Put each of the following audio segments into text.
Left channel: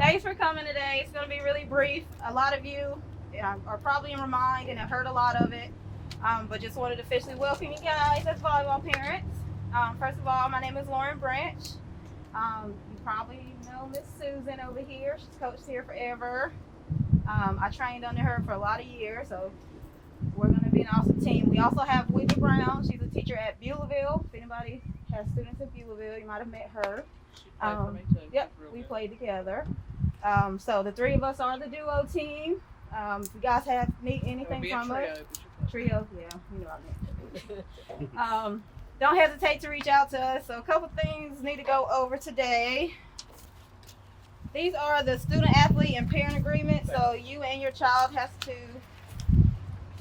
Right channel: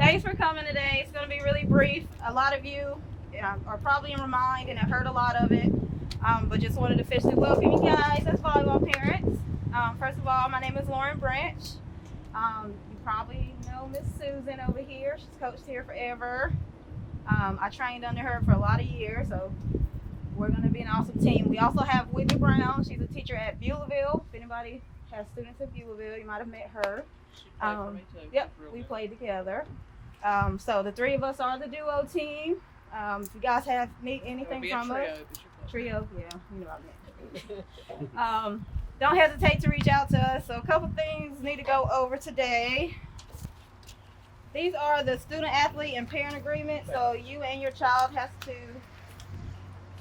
Thanks for coming today. It's going to be really brief. A lot of you are probably in Remind and have heard a lot of it, but just wanted to officially welcome you guys as volleyball parents. First of all, my name is Lauren Branch. You probably know Miss Susan over here. She's coached here forever. I trained under her for a lot of years, so we're going to be an awesome team. We also have Whitney Brown. She's a teacher at Beulahville. If anybody has students at Beulahville, you might have met her. She played for me too. Yep, we played together. So the three of us are the duo team. If you guys need anything from us, trio, yeah, you know what I meant. Don't hesitate to reach out to us. So a couple things need to go over today. These are the student athlete and parent agreements. So you and your child has to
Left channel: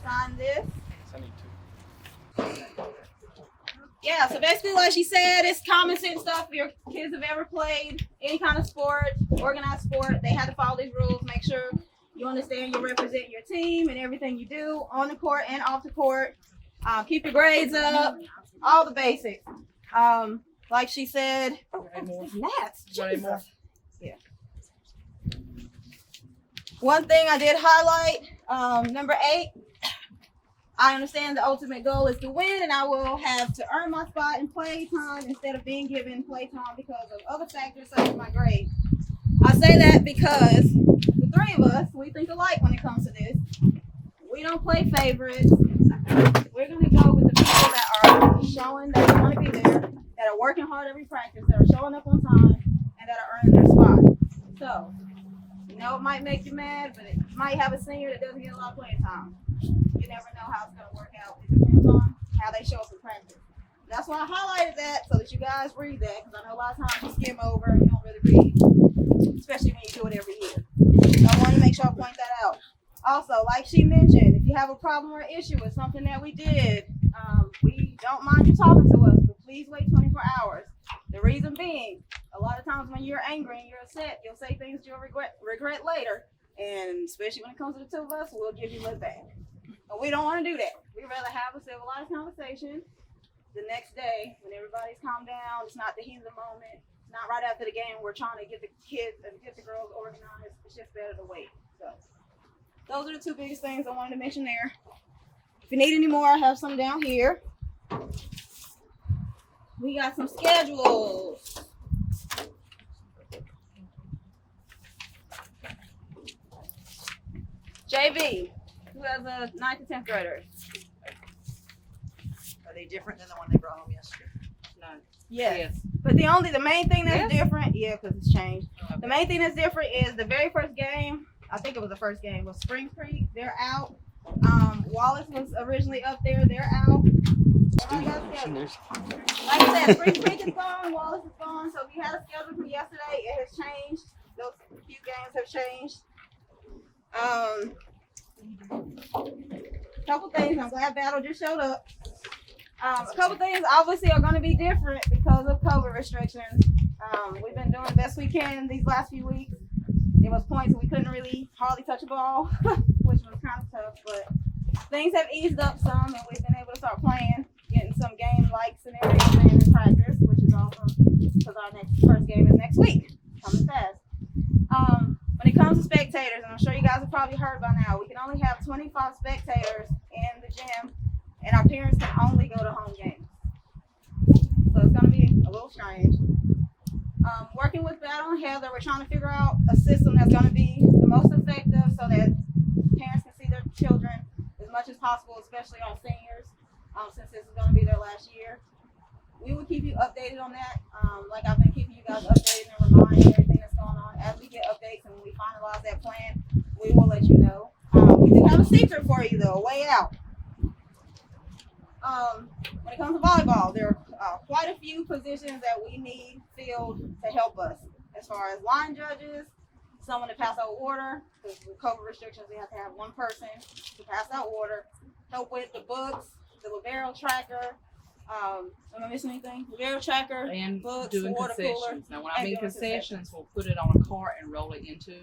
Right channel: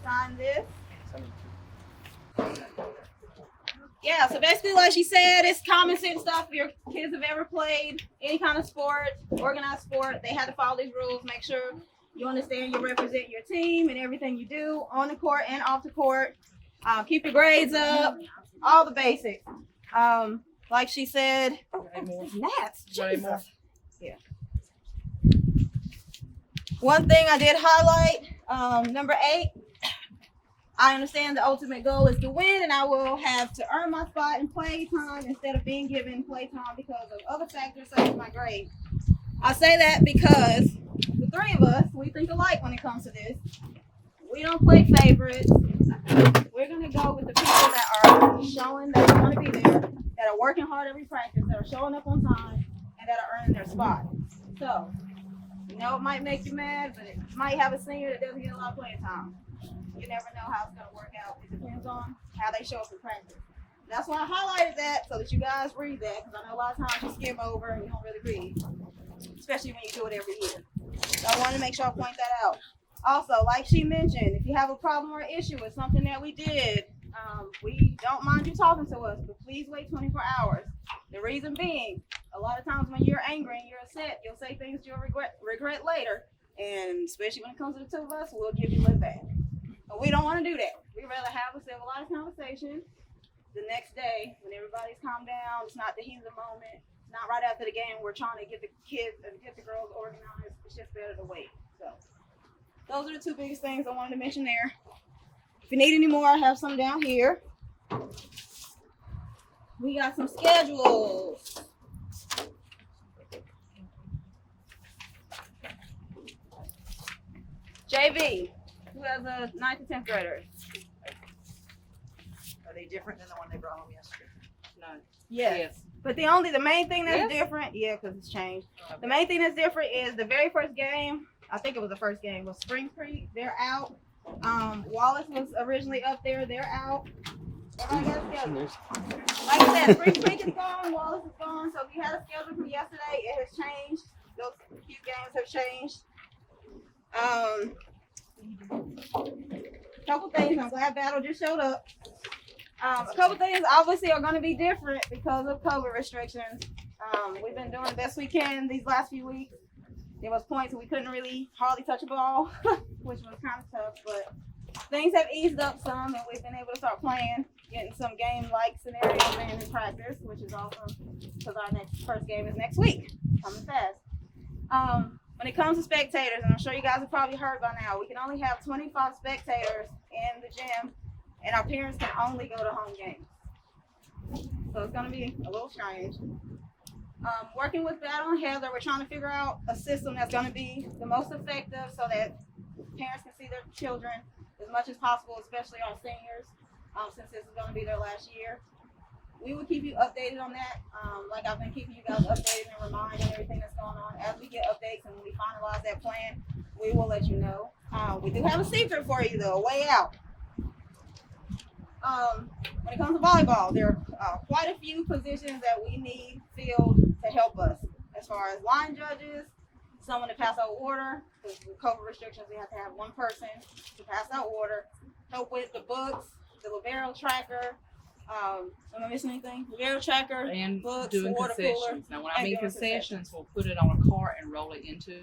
sign this. Yeah, so basically like she said, it's common sense stuff. If your kids have ever played any kind of sport, organized sport, they had to follow these rules. Make sure you understand you represent your team and everything you do on the court and off the court. Keep your grades up, all the basics. Like she said, gnats, Jesus. Yeah. One thing I did highlight, number 8, I understand the ultimate goal is to win, and I will have to earn my spot in play time instead of being given play time because of other factors such as my grade. I say that because the three of us, we think alike when it comes to this. We don't play favorites. We're going to go with the people that are showing that they want to be there, that are working hard every practice, that are showing up on time, and that are earning their spot. So, it might make you mad, but you might have a senior that doesn't get a lot of playing time. You never know how it's going to work out. It depends on how they show up in practice. That's why I highlighted that so that you guys read that, because I know a lot of times you skim over and you don't really read, especially when you do it every year. So I wanted to make sure I point that out. Also, like she mentioned, if you have a problem or issue with something that we did, we don't mind you talking to us, but please wait 24 hours. The reason being, a lot of times when you're angry and you're upset, you'll say things you'll regret later. And especially when it comes to the two of us, we'll give you a back. But we don't want to do that. We'd rather have a civilized conversation the next day when everybody's calmed down. It's not the heat of the moment. It's not right after the game. We're trying to get the kids and get the girls organized. It's just better to wait. So those are the two biggest things I wanted to mention there. If you need any more, I have some down here. We got some schedules. JV, who has a 9th to 10th grader? Are they different than the one they brought home yesterday? No. Yes. But the main thing that's different, because it's changed. The main thing that's different is the very first game, I think it was the first game, was Spring Creek. They're out. Wallace was originally up there. They're out. Everybody got a schedule. Like I said, Spring Creek is gone. Wallace is gone. So if you had a schedule from yesterday, it has changed. Those few games have changed. Couple things. I'm glad Battle just showed up. A couple things obviously are going to be different because of COVID restrictions. We've been doing the best we can these last few weeks. There was points we couldn't really hardly touch a ball, which was kind of tough, but things have eased up some, and we've been able to start playing, getting some game-like scenarios in practice, which is awesome because our first game is next week, coming fast. When it comes to spectators, and I'm sure you guys have probably heard by now, we can only have 25 spectators in the gym, and our parents can only go to home games. So it's going to be a little strange. Working with Battle and Heather, we're trying to figure out a system that's going to be the most effective so that parents can see their children as much as possible, especially our seniors, since this is going to be their last year. We will keep you updated on that, like I've been keeping you guys updated and reminded of everything that's going on. As we get updates and when we finalize that plan, we will let you know. We do have a secret for you, though, way out. When it comes to volleyball, there are quite a few positions that we need filled to help us. As far as line judges, someone to pass out order, because with COVID restrictions, we have to have one person to pass out order. Help with the books, the libero tracker. Am I missing anything? Libero tracker, and books, doing water concessions. cooler. Now, when I mean concessions, we'll put it on a cart and roll it into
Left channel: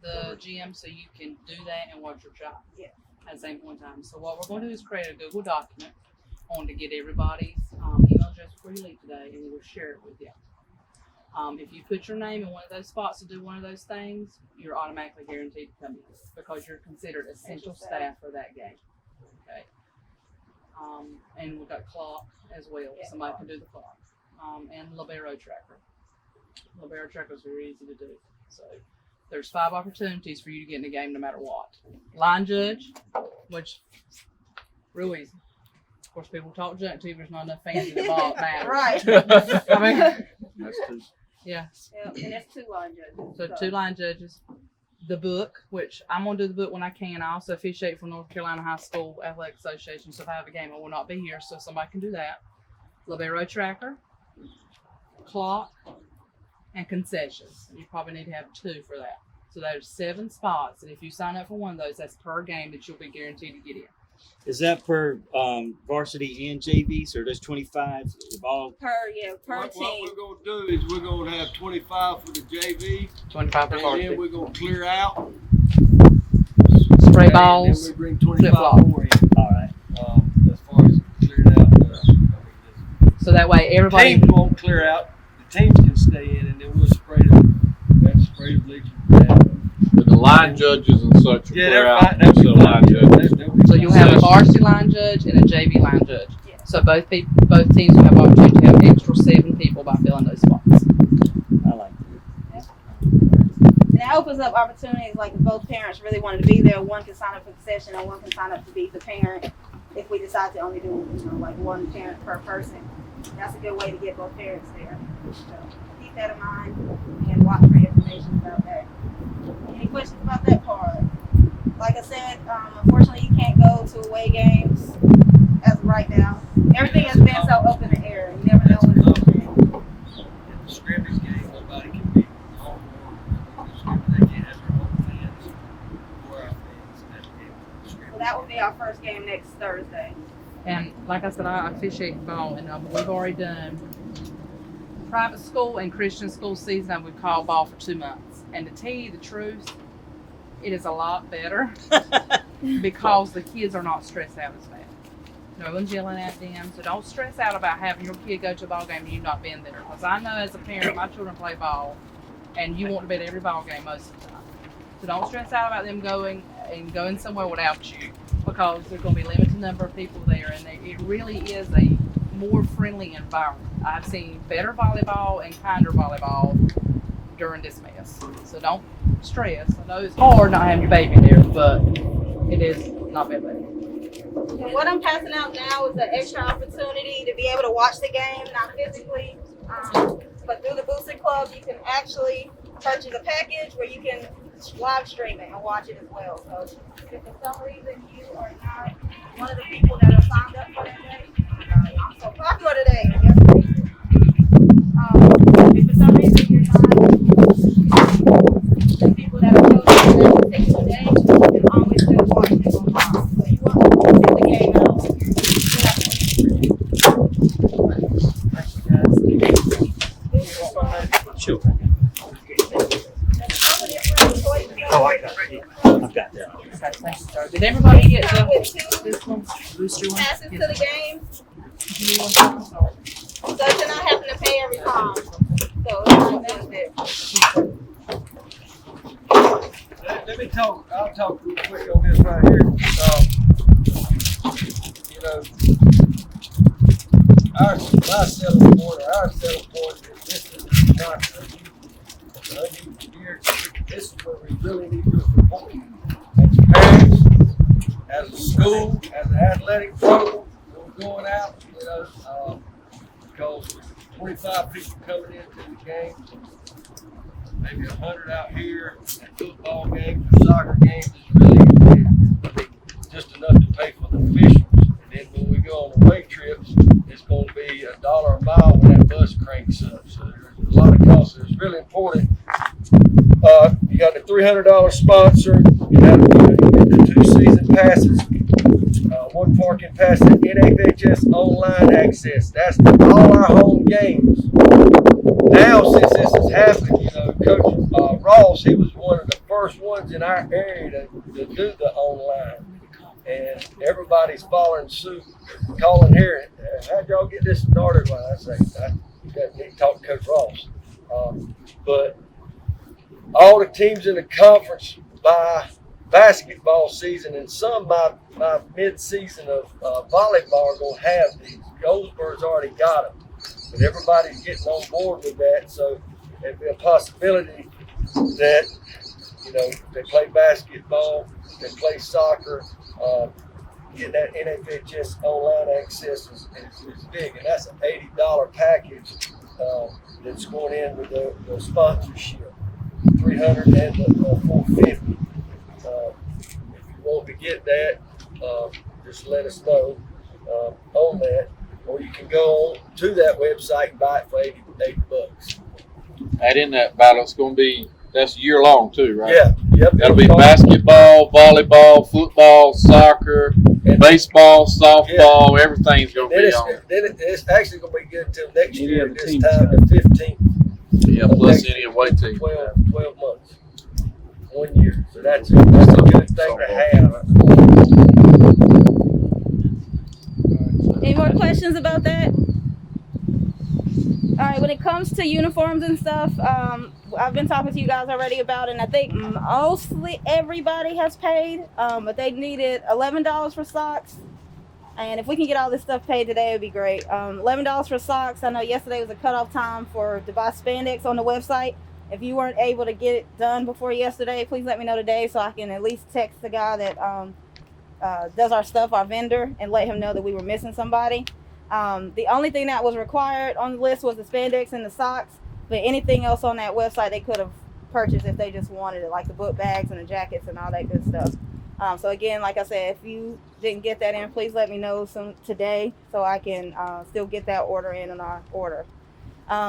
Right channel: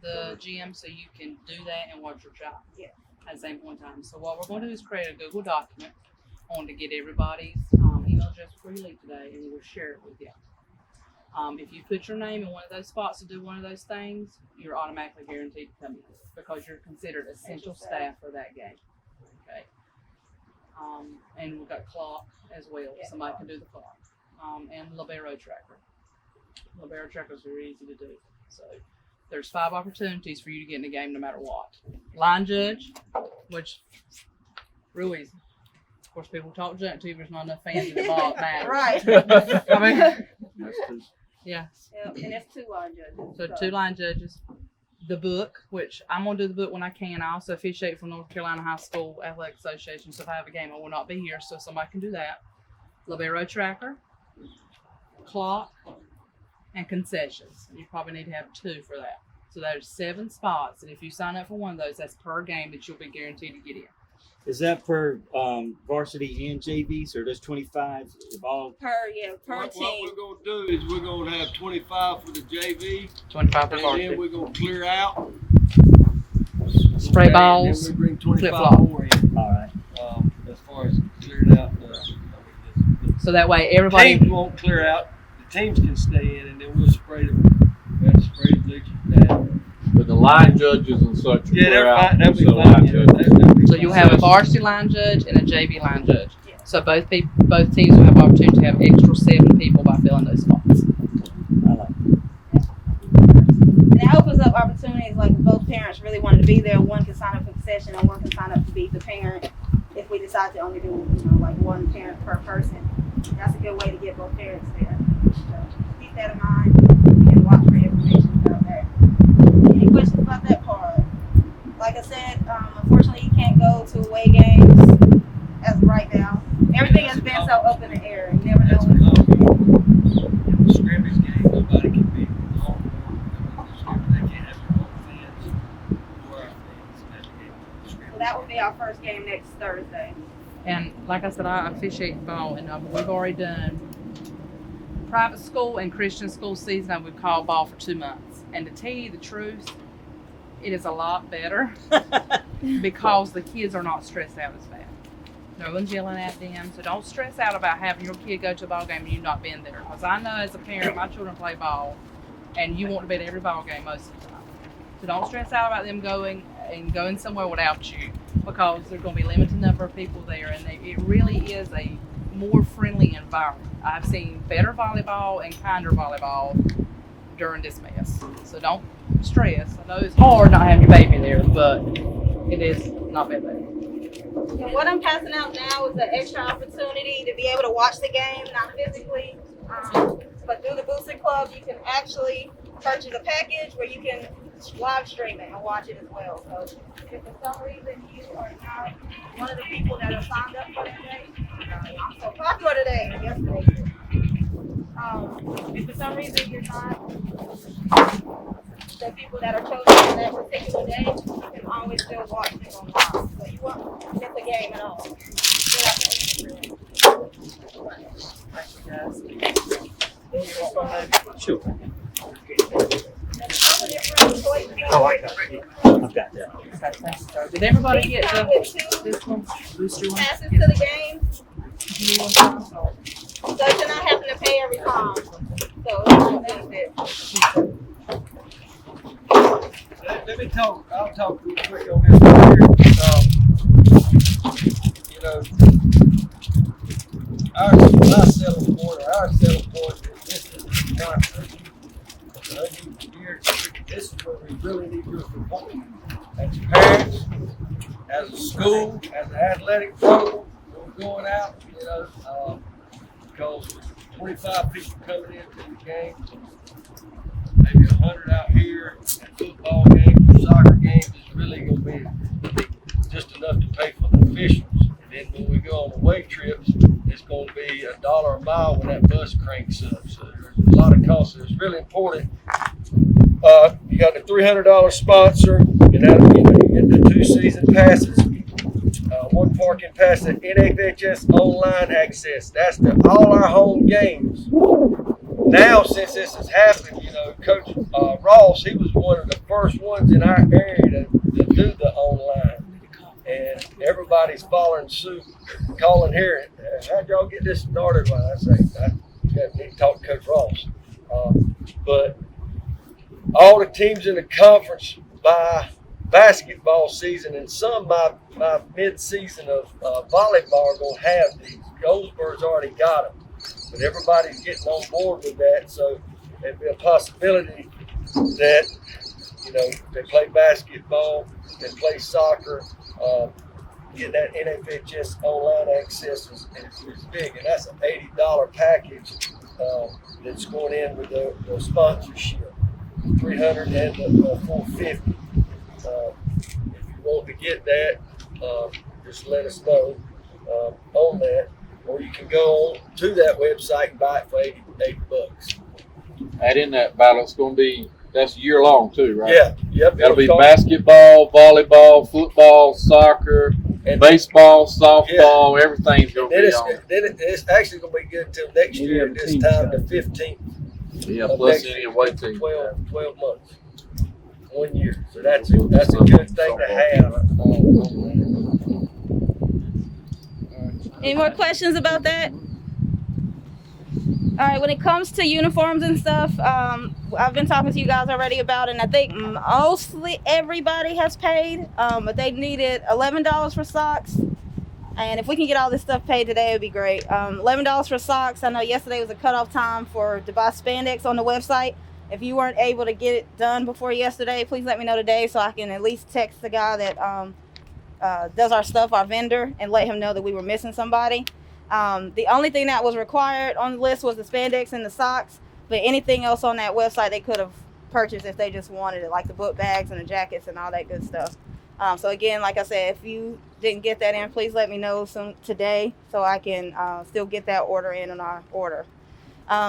the gym so you can do that and watch your child at the same point in time. So what we're going to do is create a Google document. I want to get everybody's email address before you leave today, and we'll share it with you. If you put your name in one of those spots to do one of those things, you're automatically guaranteed to come in because you're considered essential staff for that game. Okay. And we've got clock as well. Yeah, Somebody can do the clock. And libero tracker. Libero tracker is very easy to do. So there's 5 opportunities for you to get in the game no matter what. Line judge, which real easy. Of course, people talk junk to you. There's not enough fans in the ball now. Right. I mean, That's true. yeah. Yep, and that's 2 line judges. So 2 line judges. The book, which I'm going to do the book when I can. I also officiate for North Carolina High School Athletic Association. So if I have a game, I will not be here. So somebody can do that. Libero tracker, clock, and concessions. You probably need to have 2 for that. So there's 7 spots. And if you sign up for one of those, that's per game that you'll be guaranteed to get in. Is that per varsity and JV? So there's 25 all. Per What team. we're gonna do is we're gonna have 25 for the JV, 25 per and varsity. then we're gonna clear out. Spray And balls, then we bring 25 flip-flop. more in. All right. As far as cleared out, So that way the everybody. teams won't clear out. The teams can stay in, and then we'll spray them. We have to spray the bleachers. But the line judges and such. Yeah, are they're out, fine. That'll be so fine. line Yeah, judges. that'll be So fine. you'll have a varsity line judge and a JV line judge. Yeah. So both teams will have opportunity to have extra 7 people by filling those spots. I like it. And that opens up opportunities, like if both parents really wanted to be there, one can sign up for the session and one can sign up to be the parent if we decide to only do, like 1 parent per person. That's a good way to get both parents there. So keep that in mind and watch for information about that. Any questions about that part? Like I said, unfortunately you can't go to away games as of right now. Everything has been so up in the air. You never know That's when enough. it's going to In the scrimmage game, nobody can be home. They can't have their own fans or our fans at the game. So that will be our first game next Thursday. And like I said, I officiate ball, and we've already done private school and Christian school season. And we've called ball for 2 months. And to tell you the truth, it is a lot better because the kids are not stressed out as bad. No one's yelling at them, so don't stress out about having your kid go to a ball game and you not being there. Because I know as a parent, my children play ball, and you want to be at every ball game most of the time. So don't stress out about them going somewhere without you, because there's going to be a limited number of people there, and it really is a more friendly environment. I've seen better volleyball and kinder volleyball during this mess. So don't stress. I know it's hard not having your baby there, but it is not bad. And what I'm passing out now is an extra opportunity to be able to watch the game, not physically, but through the Booster Club, you can actually purchase a package where you can live stream it and watch it as well. So if for some reason you are not one of the people that are signed up for today, I'm so popular today. Yesterday. If for some reason you're not the people that are chosen for that particular day, you can always still watch it online. So you won't miss the game at all. Sure. Oh, I got that. Did everybody get this one? Booster one? passes to the game, so you're not having to pay every time. So it's a benefit. Let me talk. I'll talk real quick on this one here. My selling point, or our selling point is this is not here. This is where we really need your support. As parents, as a school, as an athletic program, we're going out, because 25 people coming into the game, maybe 100 out here, and football games or soccer games is really going to be just enough to pay for the officials. And then when we go on away trips, it's going to be $1 a mile when that bus cranks up. So there's a lot of costs. It's really important. You got the $300 sponsor, and that'll get the 2 season passes, 1 parking pass, and NFHS online access. That's to all our home games. Now, since this has happened, Coach Ross, he was one of the first ones in our area to do the online. And everybody's following suit, calling here. How'd y'all get this started? Well, I say, I need to talk to Coach Ross. But all the teams in the conference by basketball season and some by mid-season of volleyball are going to have these. Goldsboro's already got them, but everybody's getting on board with that. So it'd be a possibility that, you know, they play basketball, they play soccer, getting that NFHS online access is big, and that's an $80 package that's going in with the sponsorship, $300 and the $450. If you want to get that, just let us know on that, or you can go on to that website and buy it for $80. Add in that battle. It's going to be, that's year long too, right? Yeah, yep. That'll be it'll cost- basketball, volleyball, football, soccer, baseball, softball, everything's going to Then be it's on. it's actually going to be good until next year at this time, the 15th. Yeah, of plus next any year, away team. 12 months, 1 year. So that's a good thing to have. Any more questions about that? All right, when it comes to uniforms and stuff, I've been talking to you guys already about it, and I think mostly everybody has paid, but they needed $11 for socks. And if we can get all this stuff paid today, it would be great. $11 for socks. I know yesterday was a cutoff time to buy spandex on the website. If you weren't able to get it done before yesterday, please let me know today so I can at least text the guy that does our stuff, our vendor, and let him know that we were missing somebody. The only thing that was required on the list was the spandex and the socks, but anything else on that website they could have purchased if they just wanted it, like the book bags and the jackets and all that good stuff. So again, like I said, if you didn't get that in, please let me know today so I can still get that order in on our order.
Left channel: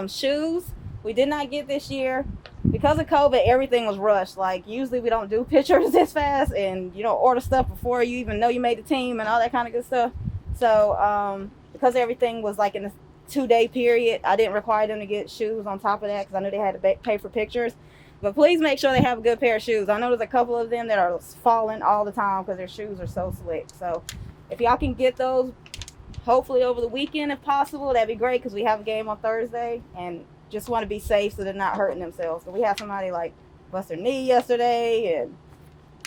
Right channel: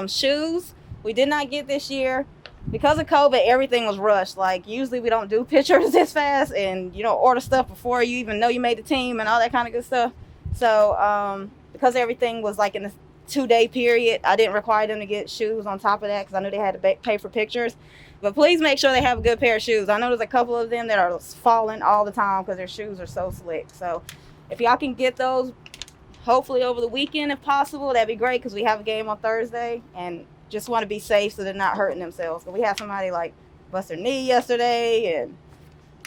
Shoes, we did not get this year. Because of COVID, everything was rushed. Like, usually we don't do pictures this fast and, you know, order stuff before you even know you made the team and all that kind of good stuff. So, because everything was like in a 2-day period, I didn't require them to get shoes on top of that because I knew they had to pay for pictures. But please make sure they have a good pair of shoes. I know there's a couple of them that are falling all the time because their shoes are so slick. So if y'all can get those, hopefully over the weekend if possible, that'd be great because we have a game on Thursday and just want to be safe so they're not hurting themselves. So we had somebody like bust their knee yesterday and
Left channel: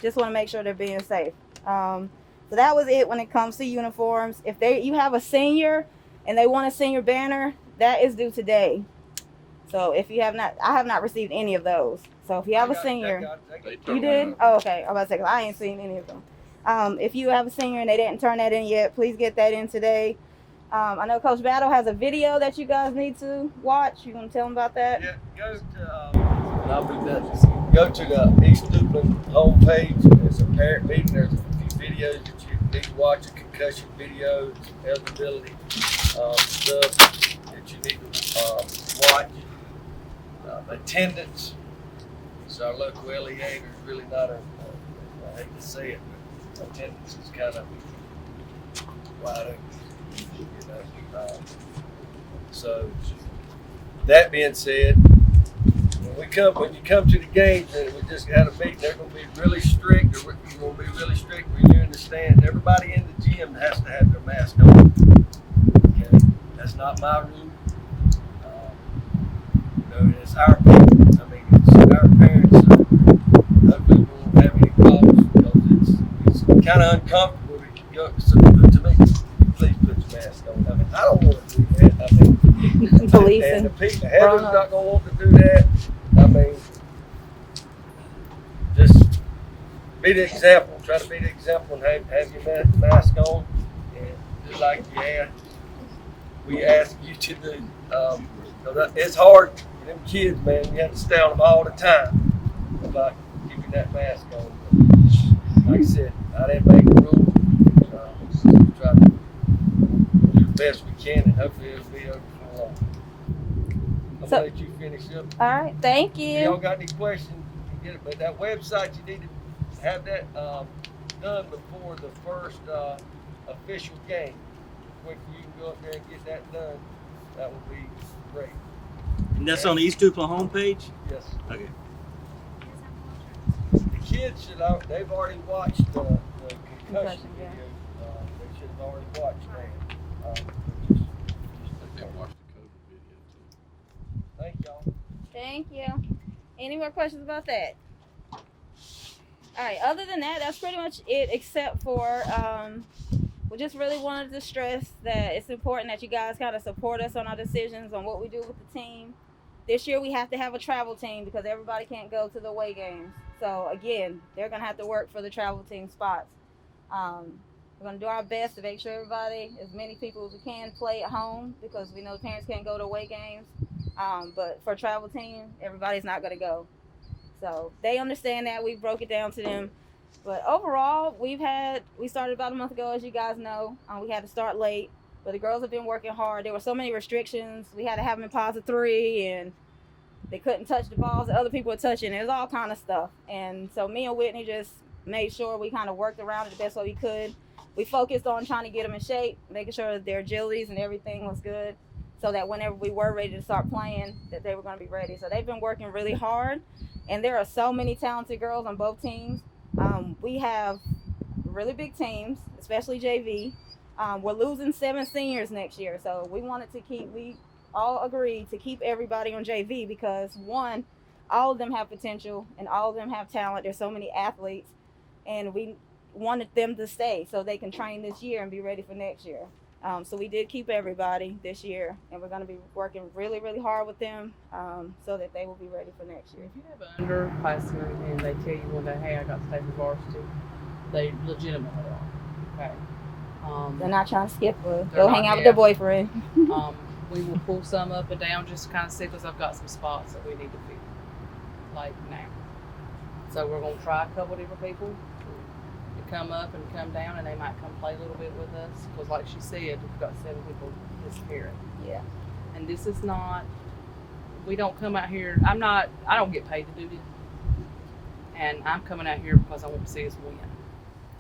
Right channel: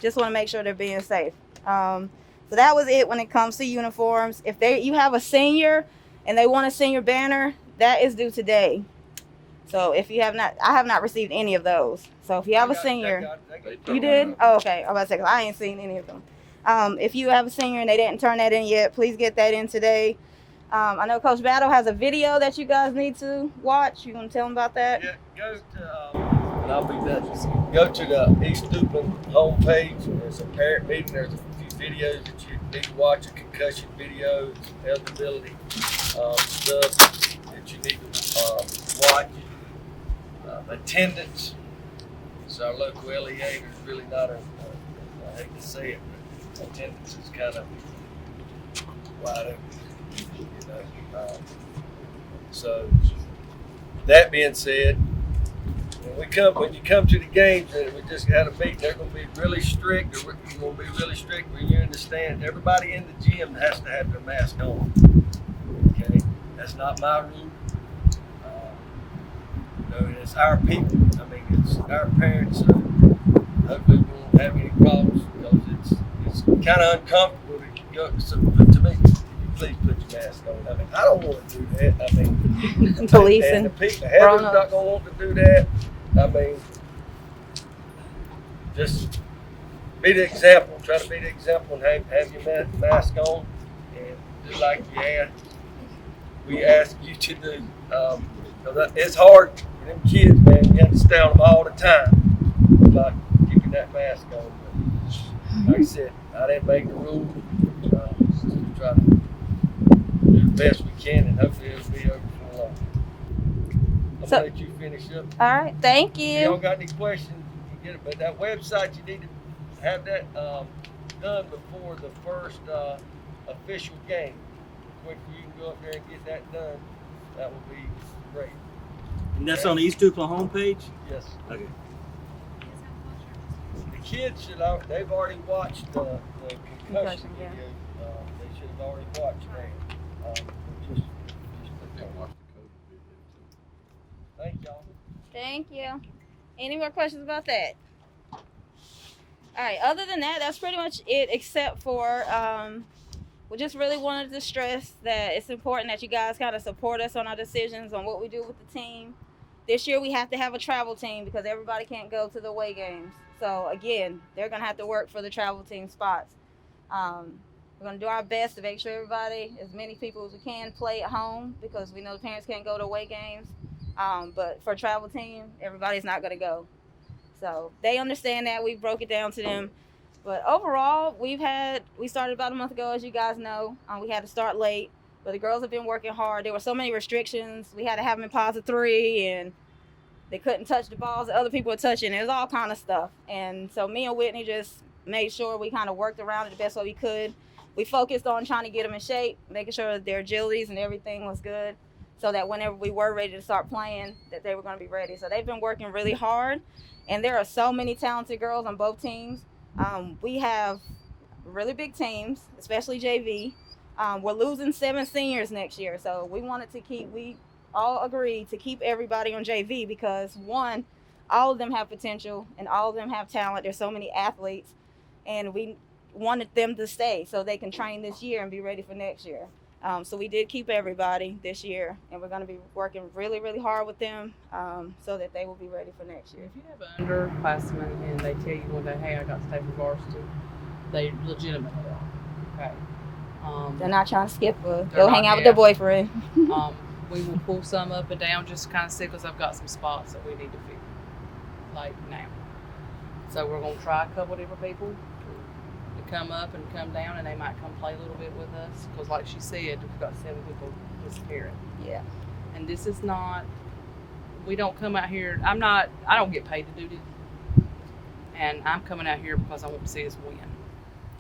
just want to make sure they're being safe. So that was it when it comes to uniforms. If you have a senior and they want a senior banner, that is due today. So if you have not, I have not received any of those. So if you have a senior, you did? Oh, okay. I'm about to say, 'cause I ain't seen any of them. If you have a senior and they didn't turn that in yet, please get that in today. I know Coach Battle has a video that you guys need to watch. You want to tell them about that? Yeah, go to, and I'll be done. Go to the East Duplin homepage. There's a parent meeting. There's a few videos that you need to watch, a concussion video, some eligibility stuff that you need to watch. Attendance. It's our local LEA. There's really not I hate to say it, but attendance is kind of wide open. You know, so that being said, when you come to the games, and we just had a meeting, they're going to be really strict. You're going to be really strict when you're in the stand. Everybody in the gym has to have their mask on. Okay, that's not my rule. It's our people. I mean, it's our parents. Hopefully, we won't have any problems because it's kind of uncomfortable to go. So to me, please put your mask on. I mean, I don't want to do that. I mean, Policing. and the people, Heather's not going to want to do that. I mean, just be the example. Try to be the example and have your mask on. And just like we ask you to do. It's hard for them kids, man. You have to stay on them all the time about keeping that mask on. But like I said, I didn't make the rule. We try to do the best we can, and hopefully it'll be over for long. I'm gonna let you finish up. All right, thank you. If y'all got any questions, you can get it. But that website, you need to have that done before the first official game. The quicker you can go up there and get that done, that will be great. And that's on the East Duplin homepage? Yes. Okay. The kids they've already watched the concussion Yeah. video. They should have already watched that. Thank y'all. Thank you. Any more questions about that? All right. Other than that, that's pretty much it. Except for we just really wanted to stress that it's important that you guys kind of support us on our decisions on what we do with the team. This year we have to have a travel team because everybody can't go to the away games. So again, they're gonna have to work for the travel team spots. We're gonna do our best to make sure everybody, as many people as we can, play at home because we know parents can't go to away games. But for travel team, everybody's not gonna go. So they understand that. We broke it down to them. But overall, we started about a month ago, as you guys know. We had to start late, but the girls have been working hard. There were so many restrictions. We had to have them in positive 3, and they couldn't touch the balls that other people were touching. It was all kind of stuff. And so me and Whitney just made sure we kind of worked around it the best way we could. We focused on trying to get them in shape, making sure that their agilities and everything was good, so that whenever we were ready to start playing, that they were going to be ready. So they've been working really hard, and there are so many talented girls on both teams. We have really big teams, especially JV. We're losing 7 seniors next year, so we all agreed to keep everybody on JV because, one, all of them have potential and all of them have talent. There's so many athletes, and we wanted them to stay so they can train this year and be ready for next year. So we did keep everybody this year, and we're going to be working really, really hard with them so that they will be ready for next year. If you have an underclassman and they tell you one day, hey, I got to stay for varsity, they legitimately are. Okay. They're not trying to skip or They're go not, hang out with yeah. their boyfriend. We will pull some up and down just to kind of see because I've got some spots that we need to fill, like now. So we're going to try a couple different people to come up and come down, and they might come play a little bit with us because, like she said, we've got 7 people disappearing. Yeah. And this is not, we don't come out here, I don't get paid to do this. And I'm coming out here because I want to see us win.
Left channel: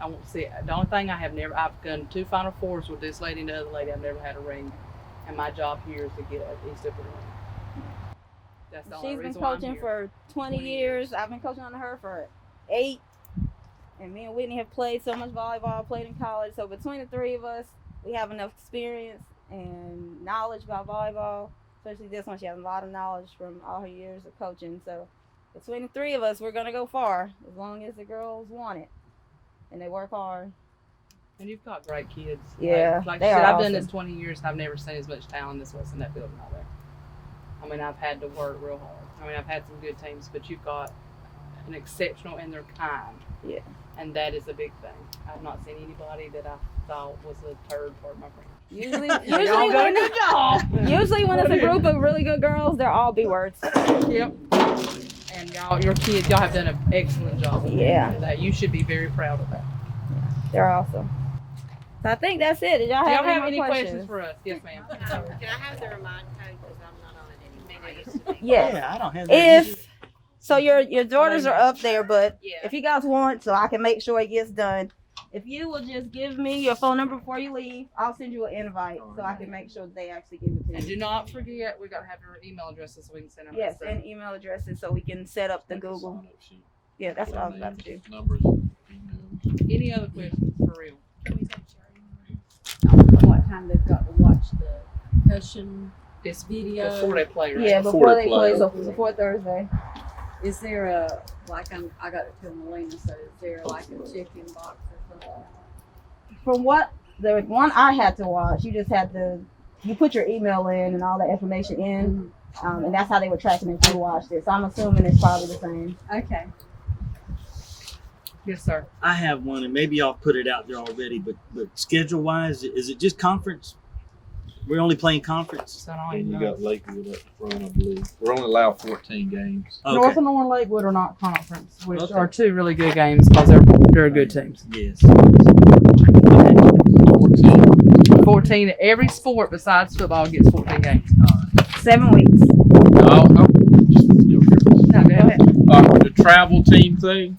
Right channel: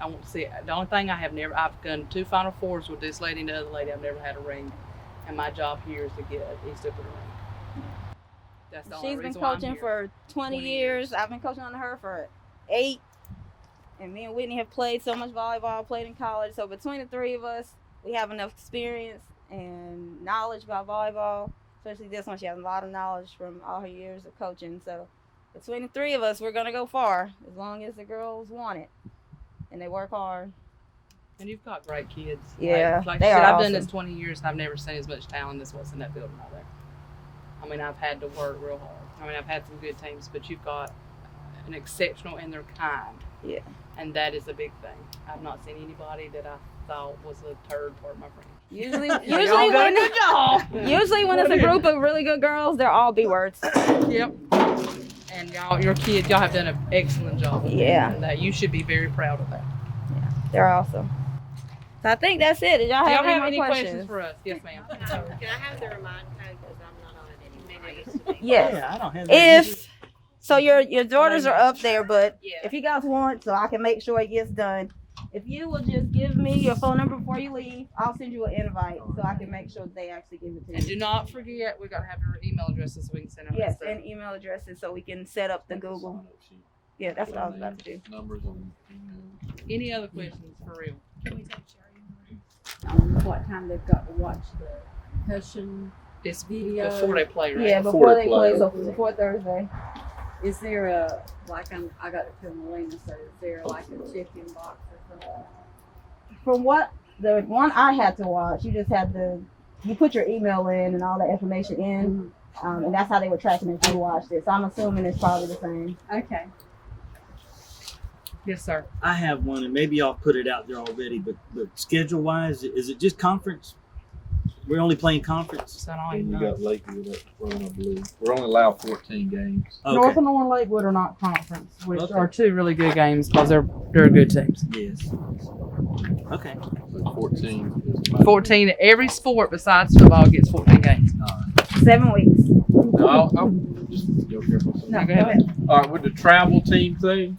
I want to see it. The only thing I've done 2 Final Fours with this lady and the other lady. I've never had a ring. And my job here is to get at East Upper ring. That's the only She's been reason why I'm coaching here. for 20 years. I've been coaching on her for 8. And me and Whitney have played so much volleyball, played in college. So between the 3 of us, we have enough experience and knowledge about volleyball. Especially this one, she has a lot of knowledge from all her years of coaching. So between the 3 of us, we're going to go far as long as the girls want it. And they work hard. And you've got great kids. Yeah, Like they I said, are I've done this awesome. 20 years and I've never seen as much talent as what's in that building out there. I mean, I've had to work real hard. I mean, I've had some good teams, but you've got an exceptional and they're kind. Yeah. And that is a big thing. I've not seen anybody that I thought was a turd part of my friend. Usually Y'all done a good job. Usually when it's a group of really good girls, they're all B-words. Yep. And your kids, y'all have done an excellent job. Yeah. And that you should be very proud of that. They're awesome. So I think that's it. Did y'all Do have y'all have any any more questions for us? Yes, ma'am. Can I have the remind code because I'm not on it anymore? I used to be. Yes. Yeah, I don't have that. So your daughters are up there, but Yeah. if you guys want, so I can make sure it gets done. If you will just give me your phone number before you leave, I'll send you an invite so I can make sure they actually give it to And you. do not forget, we got to have your email addresses so we can send out Yes, that and stuff. able addresses so we can set up the Google. Yeah, that's what I was about to do. Numbers. Any other questions for real? Can we take Sherry? What time they've got to watch the concussion It's video? before they play, right? Yeah, Before before they they play, play. so before Thursday. Is there a, I got it to Melina, so is there like a chicken box or something? From what the one I had to watch, you just had you put your email in and all that information in, and that's how they were tracking if you watched it. So I'm assuming it's probably the same. Okay. Yes, sir. I have one, and maybe y'all put it out there already, but schedule wise, is it just conference? We're only playing conference. So I don't And even you know. got Lakewood up front, I believe. We're only allowed 14 games. Okay. North and North Lakewood are not conference, which Okay. are 2 really good games because they're good teams. Yes. 14, every sport besides football gets 14 games. 7 weeks. No. No, go ahead. The travel team thing,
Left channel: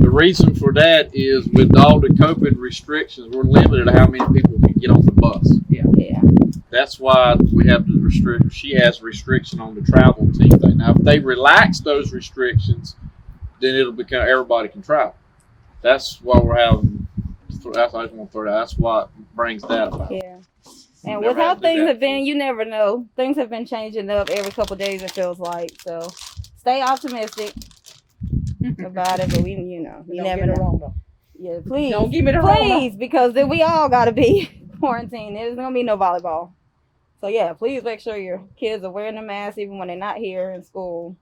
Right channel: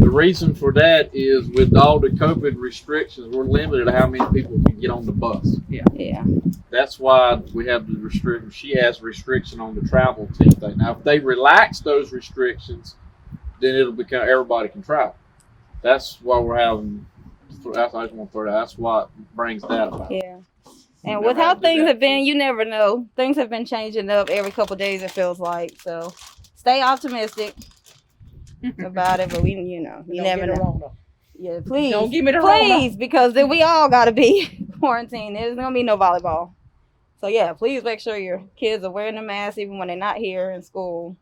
the reason for that is with all the COVID restrictions, we're limited to how many people can get on the bus. Yeah. That's why we have the restriction. She has restriction on the travel team thing. Now, if they relax those restrictions, then it'll become everybody can travel. That's why we're having. That's why I just want to throw that. That's why it brings that about. Yeah. And Never with how had to do things that. have been, you never know. Things have been changing up every couple of days, it feels like. So stay optimistic about it, but we, you know, you Don't never get it know. wrong though. Yeah, please. Don't give me the wrong. Please, because then we all got to be quarantined. There's going to be no volleyball. So, yeah, please make sure your kids are wearing a mask even when they're not here in school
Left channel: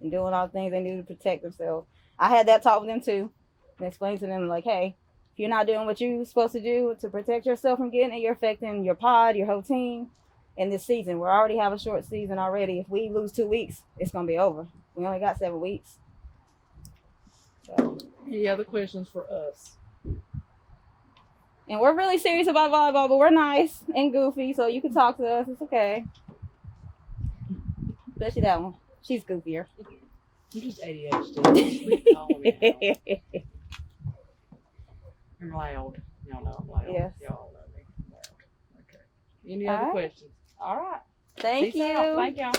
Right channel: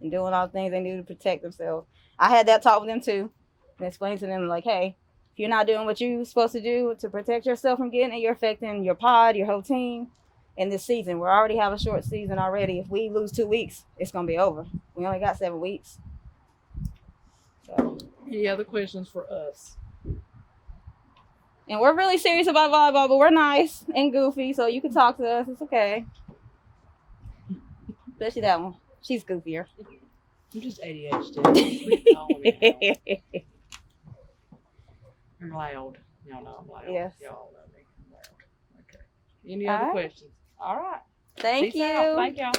and doing all the things they do to protect themselves. I had that talk with them, too, and explained to them, like, hey, if you're not doing what you're supposed to do to protect yourself from getting it, you're affecting your pod, your whole team. In this season, we already have a short season already. If we lose 2 weeks, it's going to be over. We only got 7 weeks. So. Any other questions for us? And we're really serious about volleyball, but we're nice and goofy, so you can talk to us. It's okay. Especially that one. She's goofier. I'm just ADHD. Quit calling me out. I'm loud. Y'all know I'm loud. Yes. Y'all know me. I'm loud. Okay. Any All other right. questions? All right. Thank Peace out. you. Thank y'all.